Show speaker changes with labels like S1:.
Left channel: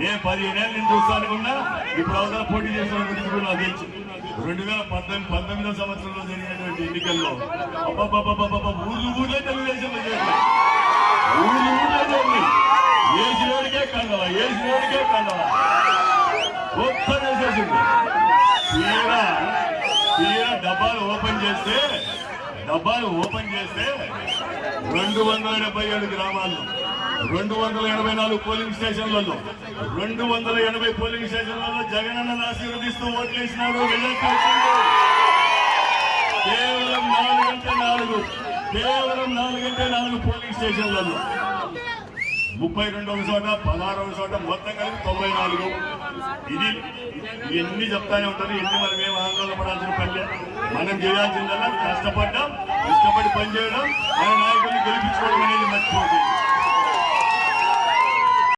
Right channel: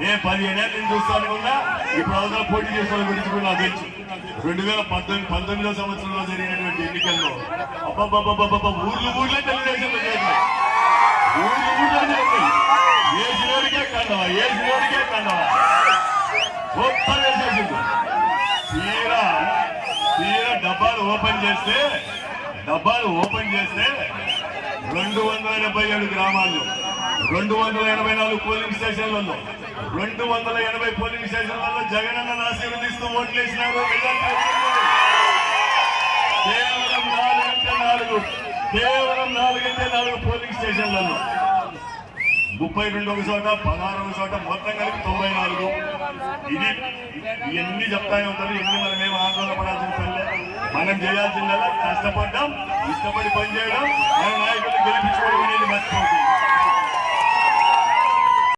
S1: నేను పదిహేను ఏళ్ళ నుంచి కూడా ఇప్పుడు అవతల పోటీ చేసిన గురించి కూడా నాకు తెలుసు. రెండు వేల పద్దెనిమిది పంతొమ్మిదో సంవత్సరంలో జరిగినటువంటి ఎన్నికల్లో అబ్బబ్బబ్బబ్బబ్బ ఊర్లు ఊర్లే తెలుగుదేశం ఊర్లు ఊర్లో జరిగింది ఏసినోడికే కన్నా ఏసినోడికే కన్నా గొప్ప చేసేసింది. తీరా తీరా డబ్బాలు ఓపెన్ చేస్తే డబ్బాలు ఓపెన్ చేస్తే రెండు వందల డెబ్బై ఏడు గ్రామాల్లో రెండు వందల ఎనభై నాలుగు పోలింగ్ స్టేషన్లలో రెండు వందల ఎనభై పోలింగ్ స్టేషన్లలో జగనన్న ఆశీర్వదిస్తూ ఓట్లేసినాడు కేవలం నాలుగంటే నాలుగు కేవలం నాలుగంటే నాలుగు పోలింగ్ స్టేషన్లలో. ముప్పై రెండవ చోట పదహారవ చోట మొత్తం కలిపి తొంభై నాలుగు. ఇది ఇవన్నీ చెప్తానే ఉంటారు ఎన్ని మేము ఆందోళన పడాల్సిన పని మనం చేయాల్సిందల్లా కష్టపడ్డాం ఇష్టపడి పనిచేయడం